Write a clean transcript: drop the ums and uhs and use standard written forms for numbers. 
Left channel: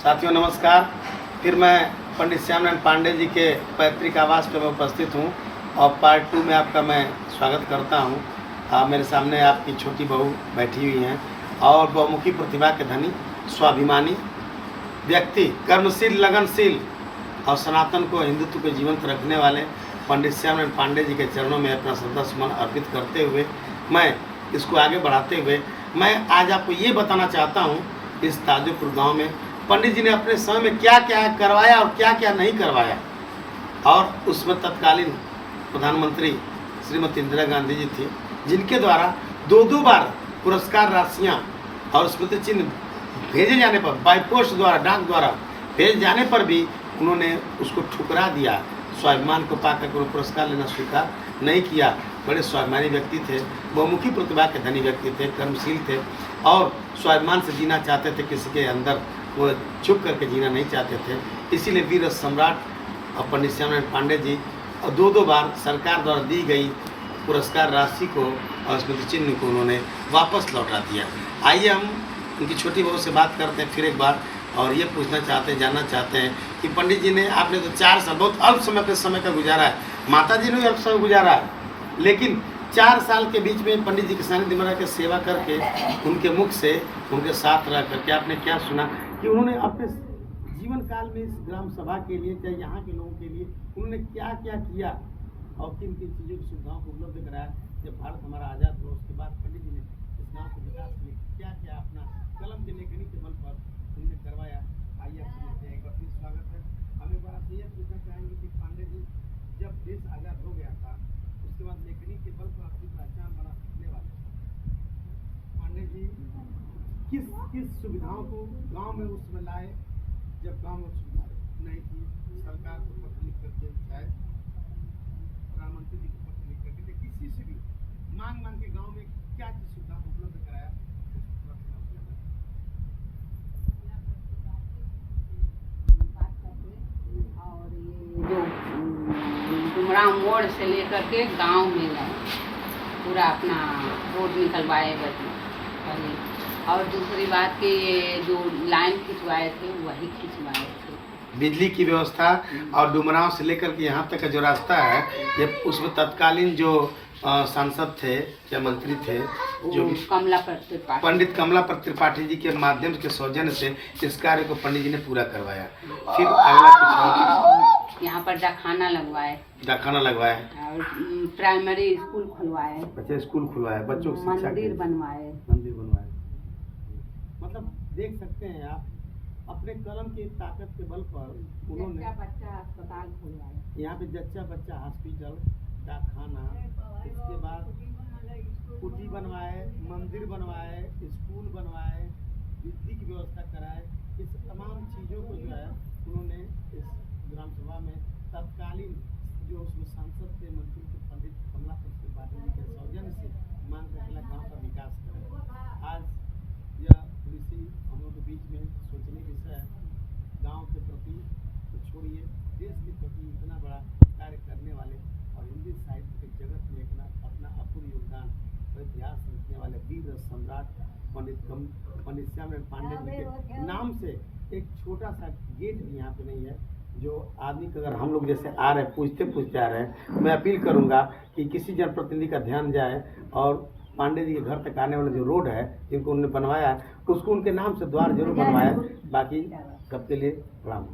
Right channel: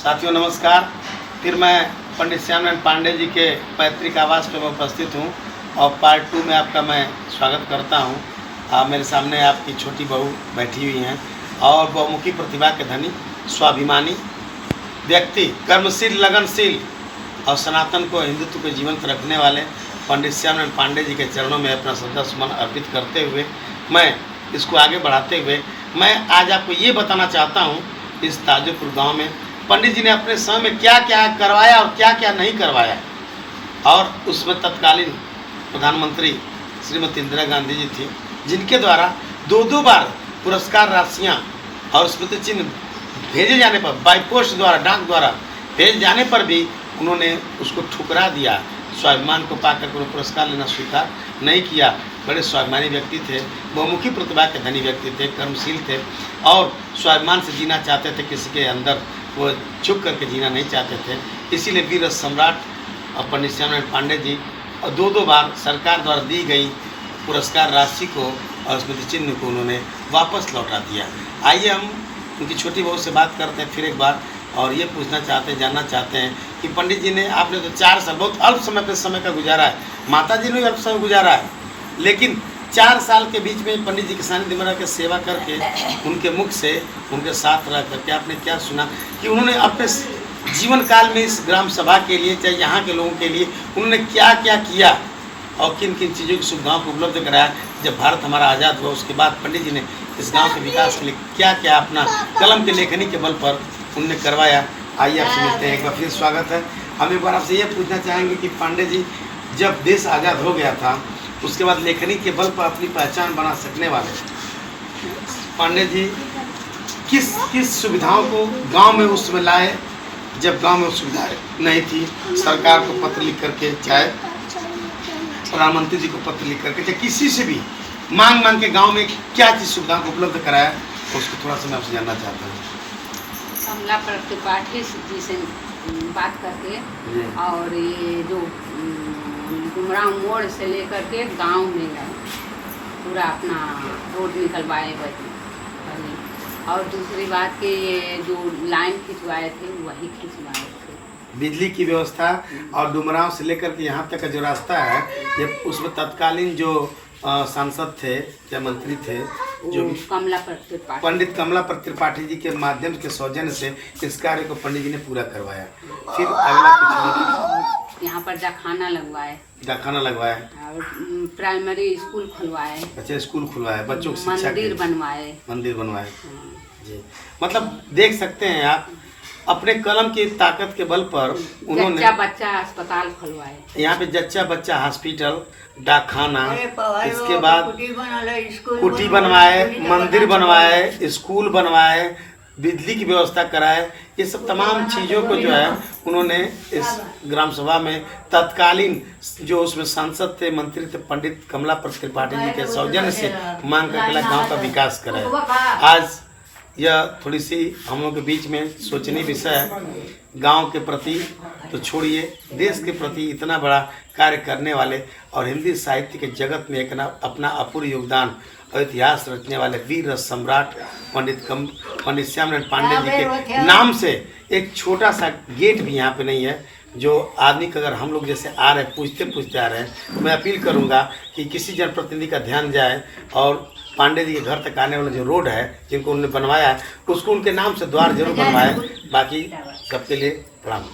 साथियों नमस्कार। फिर मैं पंडित श्यामनारायण पांडे जी के पैतृक आवास पर मैं उपस्थित हूँ और पार्ट 2 में आपका मैं स्वागत करता हूँ। मेरे सामने आपकी छोटी बहू बैठी हुई हैं और बहुमुखी प्रतिभा के धनी, स्वाभिमानी व्यक्ति, कर्मशील, लगनशील और सनातन को, हिंदुत्व को जीवंत रखने वाले पंडित श्यामनारायण पांडे जी के चरणों में अपना श्रद्धा सुमन अर्पित करते हुए मैं इसको आगे बढ़ाते हुए मैं आज आपको ये बताना चाहता हूँ, इस ताजोपुर गांव में पंडित जी ने अपने समय में क्या क्या करवाया और क्या क्या नहीं करवाया। और उसमें तत्कालीन प्रधानमंत्री श्रीमती इंदिरा गांधी जी थी, जिनके द्वारा दो बार पुरस्कार राशियाँ और स्मृति चिन्ह भेजे जाने पर, बाई पोस्ट द्वारा, डाक द्वारा भेजे जाने पर भी उन्होंने उसको ठुकरा दिया। स्वाभिमान को पाकर उन्होंने पुरस्कार लेना स्वीकार नहीं किया। बड़े स्वाभिमानी व्यक्ति थे, बहुमुखी प्रतिभा के धनी व्यक्ति थे, कर्मशील थे और स्वाभिमान से जीना चाहते थे, किसी के अंदर वो छुप करके जीना नहीं चाहते थे। इसीलिए वीर सम्राट पंडित श्यामनारायण पांडे जी और दो बार सरकार द्वारा दी गई पुरस्कार राशि को और स्मृति चिन्ह को उन्होंने वापस लौटा दिया। आइए हम उनकी छोटी बहू से बात करते हैं फिर एक बार और ये पूछना चाहते हैं, जानना चाहते हैं कि पंडित जी ने, आपने तो 4 साल बहुत अल्प समय पे समय का गुजारा है, माता जी ने भी अल्प समय गुजारा है, लेकिन 4 साल के बीच में पंडित जी के सानिध्य में रह के सेवा करके, उनके मुख से, उनके साथ रह करके आपने क्या सुना कि उन्होंने अपने जीवन काल में इस ग्राम सभा के लिए, चाहे यहाँ के लोगों के लिए उन्होंने क्या क्या किया और किन किन चीज़ों की सुविधाओं को उपलब्ध कराया। जब भारत हमारा आज़ाद हुआ उसके बाद पंडित जी ने इस गांव के विकास के लिए क्या क्या अपना कलम के लेखनी के बल पर उन्होंने करवाया। आइए आपसे मिलते हैं, एक बार फिर स्वागत है। हम एक बार आपसे ये पूछना चाहेंगे कि पांडे जी, जब देश आज़ाद हो गया था उसके बाद लेखनी के बल पर अपनी पहचान बना सकने वाले पांडे जी किस किस सुविधाओं को गांव में उस समय लाए, जब गांव में सुविधाएं नहीं थी? सरकार को पत्र लिख करके, चाहे प्रधानमंत्री जी को पत्र लिख करके, चाहे किसी से भी मांग के गांव में क्या चीज़ सुविधाओं को उपलब्ध कराया, उसको थोड़ा सा मैं आपसे जानना चाहता हूँ। कमला त्रिपाठी जी से बात करके और ये जो गुमराह मोड़ से लेकर के गांव में पूरा अपना रोड निकलवाए बैठे। और दूसरी बात कि ये जो लाइन खिंचवाए थे वही खिंचवाए थे। बिजली की व्यवस्था और डुमराव से लेकर के यहाँ तक का जो रास्ता है, ये उसमें तत्कालीन जो सांसद थे, क्या मंत्री थे, जो पंडित कमला त्रिपाठी जी के माध्यम के सौजन्य से इस कार्य को पंडित जी ने पूरा करवाया। फिर अगला कुछ यहाँ पर डाकखाना लगवाए और प्राइमरी स्कूल खुलवाए। अच्छा, स्कूल खुलवाए, बच्चों की शिक्षा, मंदिर बनवाए जी। मतलब देख सकते हैं आप, अपने कलम की ताकत के बल पर उन्होंने जच्चा बच्चा अस्पताल खुलवाए। यहाँ पे जच्चा बच्चा हॉस्पिटल, डाकखाना, इसके बाद कुटी बनवाए, मंदिर बनवाए, स्कूल बनवाए, बिजली की व्यवस्था कराए। ये सब तमाम चीज़ों को जो है उन्होंने इस ग्राम सभा में तत्कालीन जो उसमें सांसद थे, मंत्री थे, पंडित कमला त्रिपाठी जी के सौजन्य से मांग करके गाँव का विकास कराया। आज यह थोड़ी सी हम लोग के बीच में सोचनीय विषय है। गांव के प्रति तो छोड़िए, देश के प्रति इतना बड़ा कार्य करने वाले और हिंदी साहित्य के जगत में एक अपना अपूर्व योगदान और इतिहास रचने वाले वीर सम्राट पंडित श्यामनारायण पांडे जी के नाम से एक छोटा सा गेट भी यहाँ पे नहीं है, जो आदमी का, अगर हम लोग जैसे आ रहे हैं, पूछते आ रहे हैं, मैं अपील करूँगा कि किसी जनप्रतिनिधि का ध्यान जाए और पांडे जी के घर तक आने वाला जो रोड है, जिनको उन्होंने बनवाया, उसको उनके नाम से द्वार जरूर बनवाए। बाकी सबके लिए प्रणाम।